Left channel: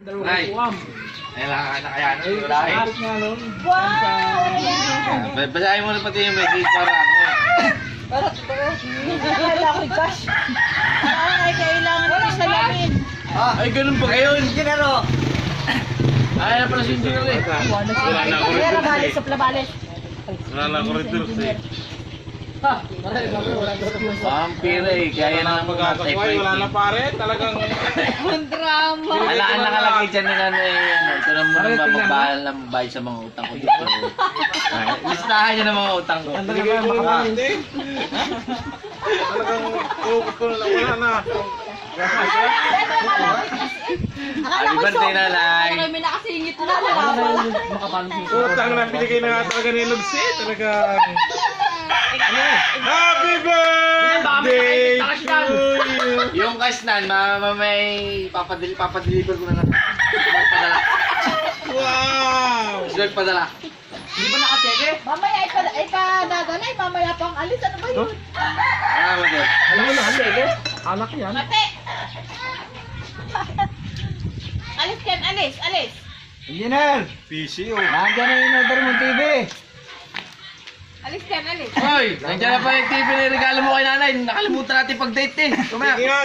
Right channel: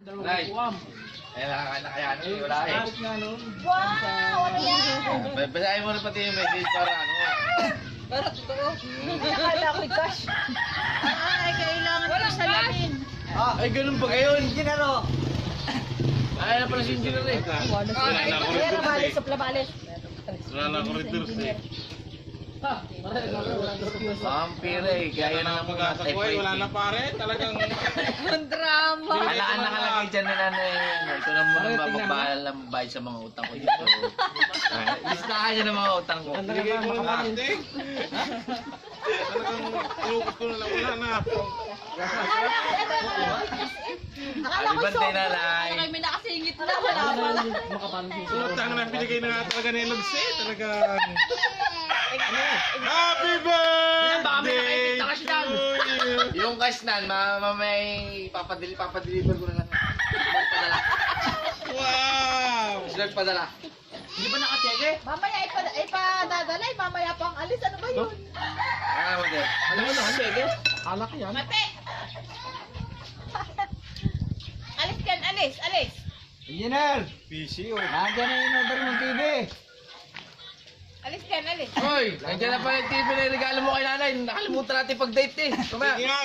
Ay, ay nakakaya na wala eh. Wow! Ano yan? Basahin mo na pati yung message para ano. Para totoo. Akala ko cash. Ay, kailangan ko salamin. Ay, ganun ba ngayon? Ginaro. Ay, na pala si engineer eh. Wala na ako Kaya rin nabales, suplabales. Wala na ako rin eh. Vampire eh, kaya na Pagkakakway, wala na pare. Talagang... Ang drama. Wala ang nakalagay dyan na ano eh. Ito na muna mababahal ng bayad sa mga utang ko dito. Listahan nyo ng mga utang ko. Binigay ko na hindi. Talagang iukot ko na lang. Wala na. Akala ko Ibantay na lang. Kami nakasingit na. Wala pala. Utang na, binigay na nga talaga ni Lugsi. Talagang... Happy birthday to you! Yung kasnan, may papadeliver ko na padala. Wow! Slug padala. Hindi ba nakacheke? Mamaya ipadadalay. Mamaya pang alis. Ano ba yun? Ah, wala. Alam mo na, hindi. Anak yan. Mate! Alis kan, alis, alis. Engineer! PC oh. Nandiyan na yung order mong TV. Alis kan, alis. Hoy, nandiyan na pa yung TV na regalo mo kay nanay. Nakalimutan natin pag-date eh. Sige nga,